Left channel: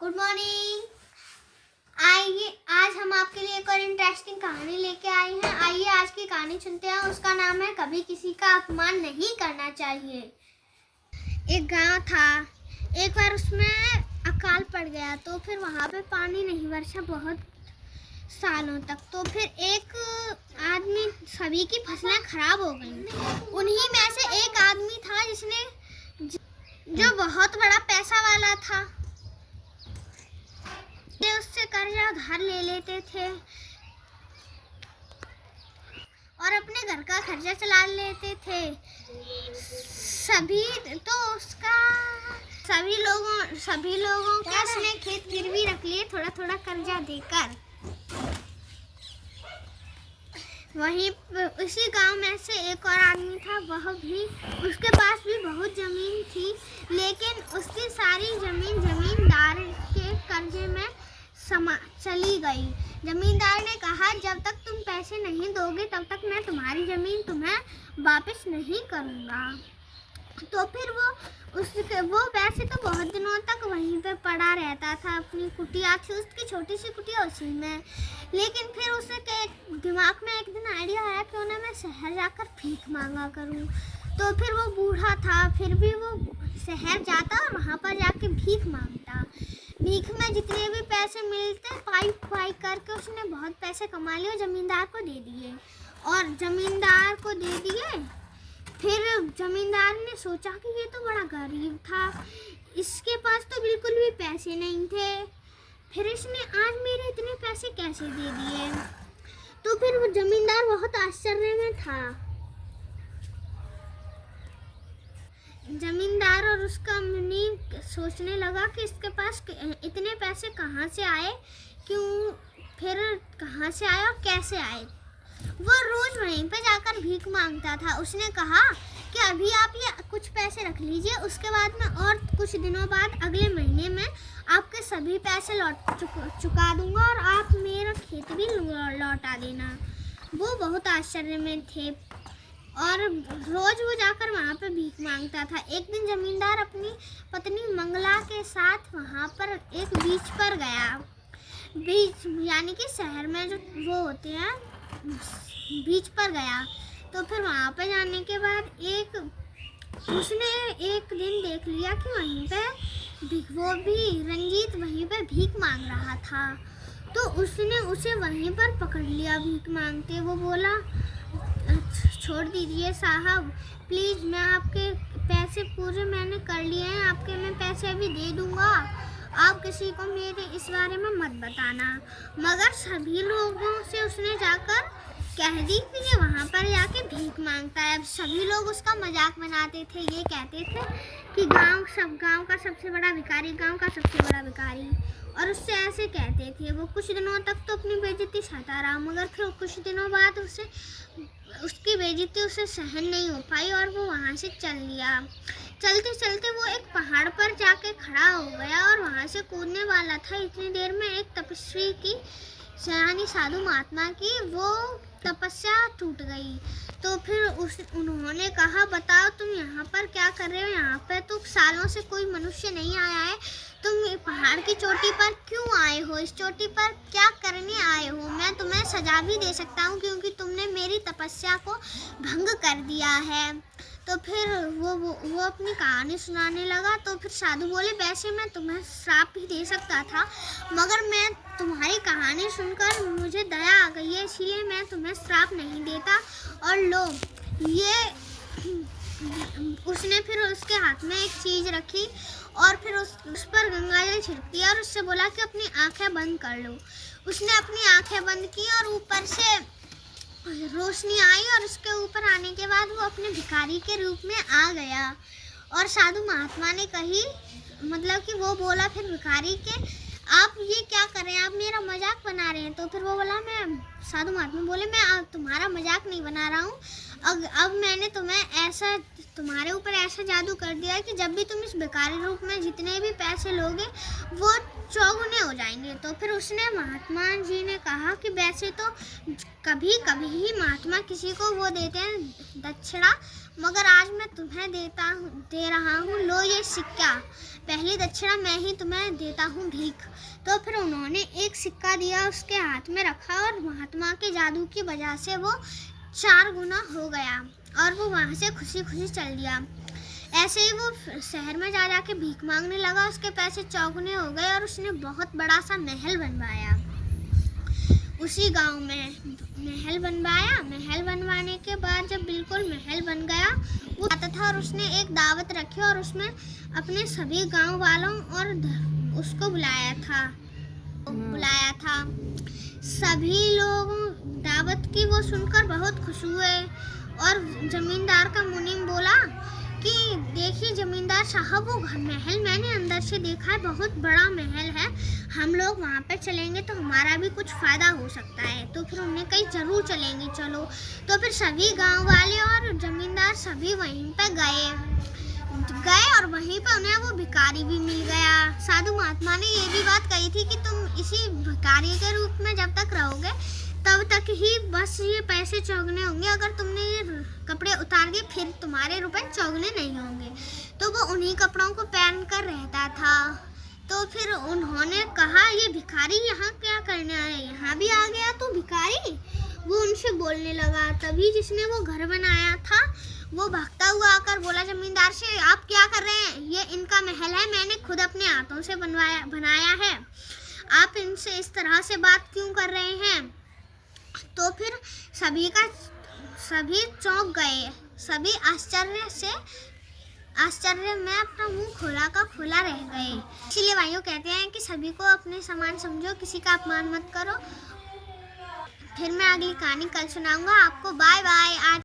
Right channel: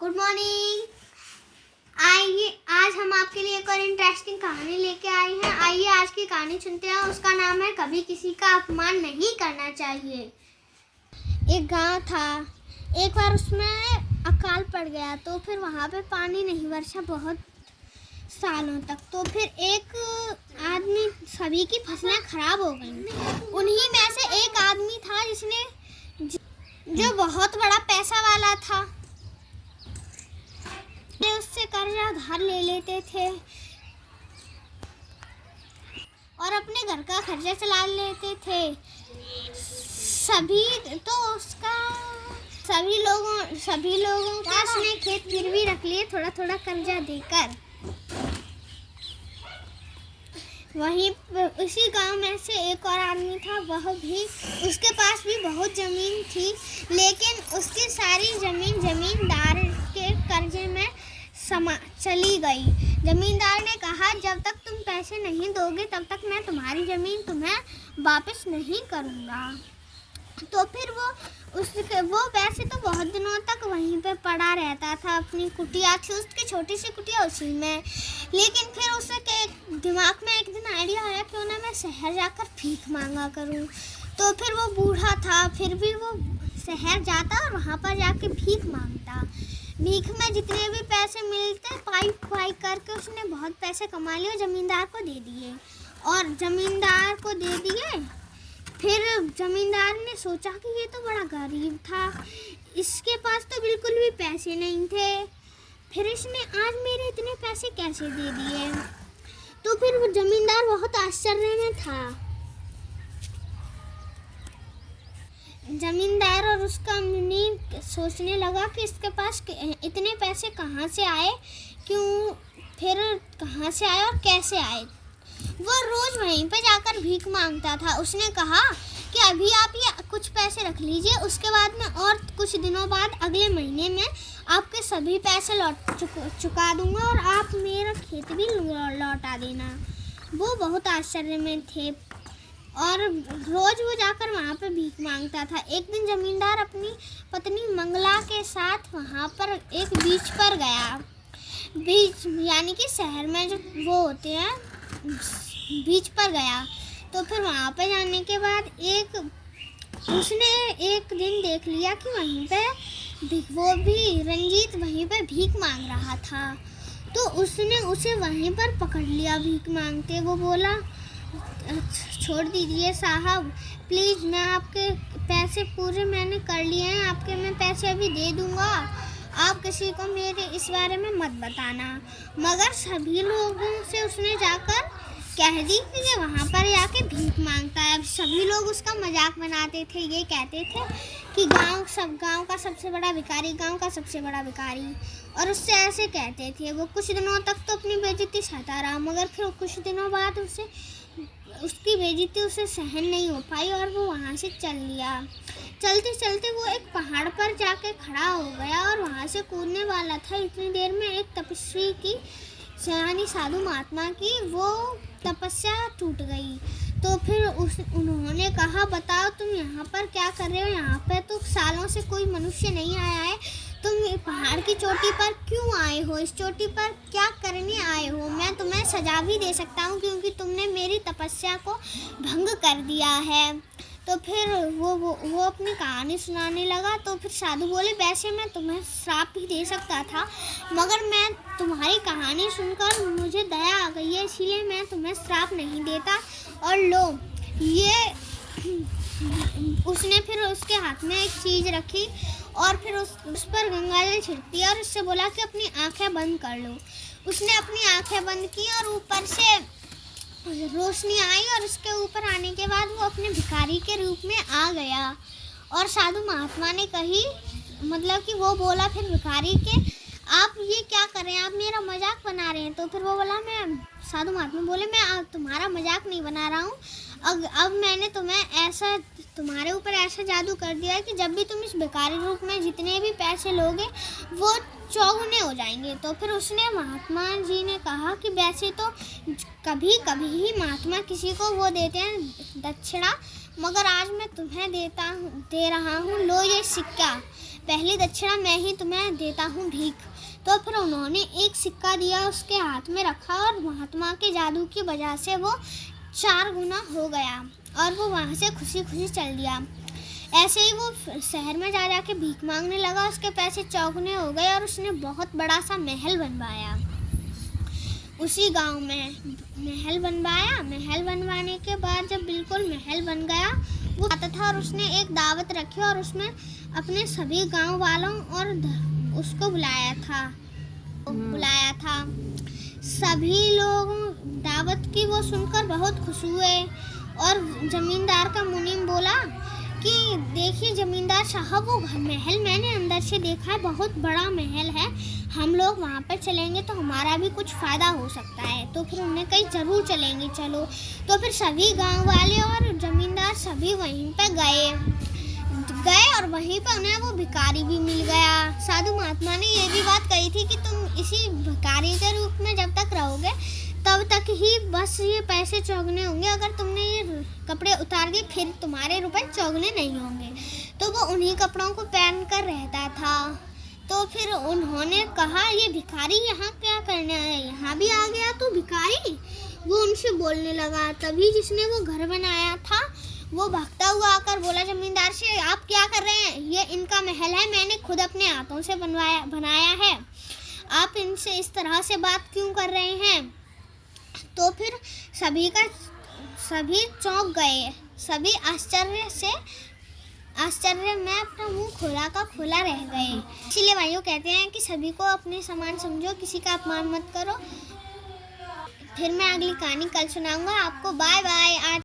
Good morning. आइए आज हम आपके लिए एक और इंटरेस्टिंग कहानी लेके आए हैं। आइए आज की कहानी सुनते हैं। उसका नाम है कभी किसी का अपमान नहीं करना चाहिए। एक गांव था। एक बार उसमें अकाल पड़ गया तो फिर वहाँ पे पानी नहीं बरसा बहुत सालों तक। तो फिर एक आदमी सभी की फसलें खराब हो गईं। उन्हीं में से एक आदमी था जिसने जो बहुत बड़ा पैसा वाला था। उससे कर्जा उधार ले लेते थे और अपने घर का खर्चा चला लेते थे। सभी लोगों के उसने खेत गिरवी रख लिए थोड़ा थोड़ा कर्जा देकर। वहीं उसी गांव में से एक और आदमी था। वह भी उसके पास भी बहुत ज़मीन थी, लेकिन उसकी सारी ज़मीन जमींदार के कर्जे में चली गई। जमींदार ने कहा, जब तक तुम पैसे नहीं दोगे तब तक मैं तुम्हारी ज़मीन तुम्हें वापस नहीं करूँगा। तो फिर वो वैसे तो बहुत दिनों तक वहीं पे पड़ा रहता था। अपनी कुटिया थी उसकी, छोटी सी कुटिया, उसी में। लेकिन फिर उसके दिमाग में एक दिन आइडिया आया क्यों ना मैं शहर जाकर भीख मांगा करूं। तो फिर वो बूढ़ा था, फिर भी वो शहर जाता और वहाँ पर जाके भीख मांगता। भीख में जितने भी पैसे मिलते पाई करके उसने बहुत पैसे कमा लिए और जमींदार को दे दिए। फिर जमींदार ने सोचा कि ये तो बड़ा गरीब था, इसके पास तो बिल्कुल भी पैसे नहीं थे, फिर इसने आज मेरे इतने पैसे कैसे दे दिए। तो फिर वो जमींदार बहुत आश्चर्य में था। जमींदार और उसका मुनीम सोचने लगा कि इसके पास इतने पैसे कहाँ से आए, कहाँ से आए और कैसे आए। वो रोज वहीं पे जाकर भीख मांगता था। उसने कहा कि अभी आप ये कुछ पैसे रख लीजिए, उसके बाद में और कुछ दिनों बाद अगले महीने में आपके सभी पैसे चुका दूंगा और आप मेरा खेत भी लौटा देना। वो बहुत आश्चर्य में थे और रोज वो जाकर वहाँ पे भीख मांगता था। एक दिन जमींदार अपनी पत्नी मंगला के साथ वहाँ पर एक बीच पर गया। बीच यानी कि शहर में जो वो होते हैं, बीच पर गया। तो फिर वहाँ पर जाने के बाद उसने एक दिन देख लिया कि वहीं पे वो भी रंजीत वहीं पे भीख मांग रहा था। तो उसने उसे वहीं पर पकड़ लिया भीख मांगते। वो बोला, छोड़ दीजिए साहब, प्लीज़, मैं आपके पैसे पूरे मैंने कर लिए हैं, आपके मैं पैसे अभी दे दूँगा, आप किसी को मेरे इस बारे में मत बताना। मगर सभी लोगों से उसने जाकर कह दी कि ये वहाँ पर जाके भीख मांगता है। सभी लोग उसका मजाक बनाते थे, ये कहते थे कि गांव का सबसे बड़ा भिखारी, और उससे ऐसे कहते थे। वो कुछ दिनों तक तो अपनी बेइज्जती सहता रहा, मगर फिर कुछ दिनों बाद उसकी बेइज्जती उसे सहन नहीं हो पाई और वो वहाँ से चल लिया। चलते चलते वो एक पहाड़ पर जाके खड़ा हो गया और वहाँ से कूदने वाला था। इतनी देर में एक तपस्वी की, यानी साधु महात्मा की, वो तपस्या टूट गई। तो फिर उन्होंने कहा, बताओ तुम यहाँ पर क्या कर रहे हो? यहाँ पे तो सालों से कोई मनुष्य नहीं आया है, तुम पहाड़ की चोटी पर क्यों आए हो? इस चोटी पर क्या करने आए हो? मैं तुम्हें सजा भी दे सकता हूँ क्योंकि तुमने मेरी तपस्या को भंग कर दिया है। तो फिर वो अपनी कहानी सुनाने लगा। तो फिर साधु बोले, वैसे मैं तुम्हें श्राप भी दे सकता था, मगर मैं तुम्हारी कहानी सुनकर मुझे दया आ गई है, इसलिए मैं तुम्हें श्राप नहीं देता। और लो ये, उसने फिर उसके हाथ में एक चीज़ रखी और फिर उस पर गंगाजल छिड़क दिया और उससे बोला कि अपनी आंखें बंद कर लो। उसने अपनी आंखें बंद की और ऊपर से रोशनी आई और उसके ऊपर आने के बाद वो अपने भिखारी के रूप में आ गया। और साधु महात्मा ने कही, मतलब कि वो बोला फिर भिखारी के, आप ये क्या कर रहे हैं? आप मेरा मजाक बना रहे हैं। तो फिर वो बोला, साधु महात्मा बोले, मैं तुम्हारा मजाक नहीं बना रहा हूँ। अब मैंने तुम्हारे ऊपर ऐसा जादू कर दिया कि जब भी तुम इस भिखारी रूप में जितने भी पैसे लोगे वो चौगुने हो जाएंगे। तो फिर उसने, महात्मा जी ने कहा कि वैसे तो कभी कभी ही महात्मा किसी को वो देते हैं दक्षिणा, मगर आज मैं तुम्हें दे रहा हूँ, लो ये सिक्का, पहली दक्षिणा मैं ही तुम्हें देता हूँ भीख। तो फिर उन्होंने एक सिक्का दिया, उसके हाथ में रखा और महात्मा के जादू की वजह से वो 4 गुना हो गया और वो वहाँ से खुशी खुशी चल दिया। ऐसे ही वो शहर में जा के भीख मांगने लगा, उसके पैसे चौगुने हो गए और उसने बहुत बड़ा सा महल बनवाया। उसी गांव में महल बनवाने के बाद जब बिल्कुल महल बन गया, वो आता था और उसने एक दावत रखी और उसमें अपने सभी गांव वालों और उसको बुलाया था। सभी लोग दावत की वो सुनकर बहुत खुश हुए और जमींदार का मुनीम बोला कि देखिए जमींदार साहब, वो महल मैंने अंदर से देखा है, बहुत बड़ा महल है, हम लोग वहाँ पर चलेंगे तो हमारा भी कुछ फ़ायदा हो सकता है। तो फिर उन्हें कहीं ज़रूर चलेंगे, चलो। तो फिर सभी गांव वाले और जमींदार सभी वहीं पर गए और वहीं पर उन्हें वो भिखारी भी मिल गया। साधु महात्मा ने ये भी बात कही थी कि तुम इसी भिखारी के रूप में जब तक रहोगे तब तक ही बस ये पैसे चौगने होंगे, अगर तुमने ये कपड़े उतार दिए फिर तुम्हारे रुपए चौगने नहीं होंगे। तो वो उन्हीं कपड़ों को पहन कर रहता था। तो फिर उन्होंने कहा, ये भिखारी यहाँ क्या करने आया, यहाँ भी आ गया तू भिखारी। वो उनसे बोलने लगा। तभी जिसने वो घर बनाया था वो भागता हुआ आकर बोला जमींदार से, आप क्या कर रहे हैं, ये इनका महल है, मैंने खुद अपने हाथों से बनाया है, आप इनसे इस तरह से बात क्यों कर रहे हैं। तो फिर सभी चौंक गए, सभी आश्चर्य में अपना मुंह खोला रह गए। इसीलिए भाइयों कहते हैं कि सभी को अपने समान समझो, किसी का अपमान मत करो। फिर मैं अगली कहानी कल सुनाऊंगा आपको। Bye bye. आज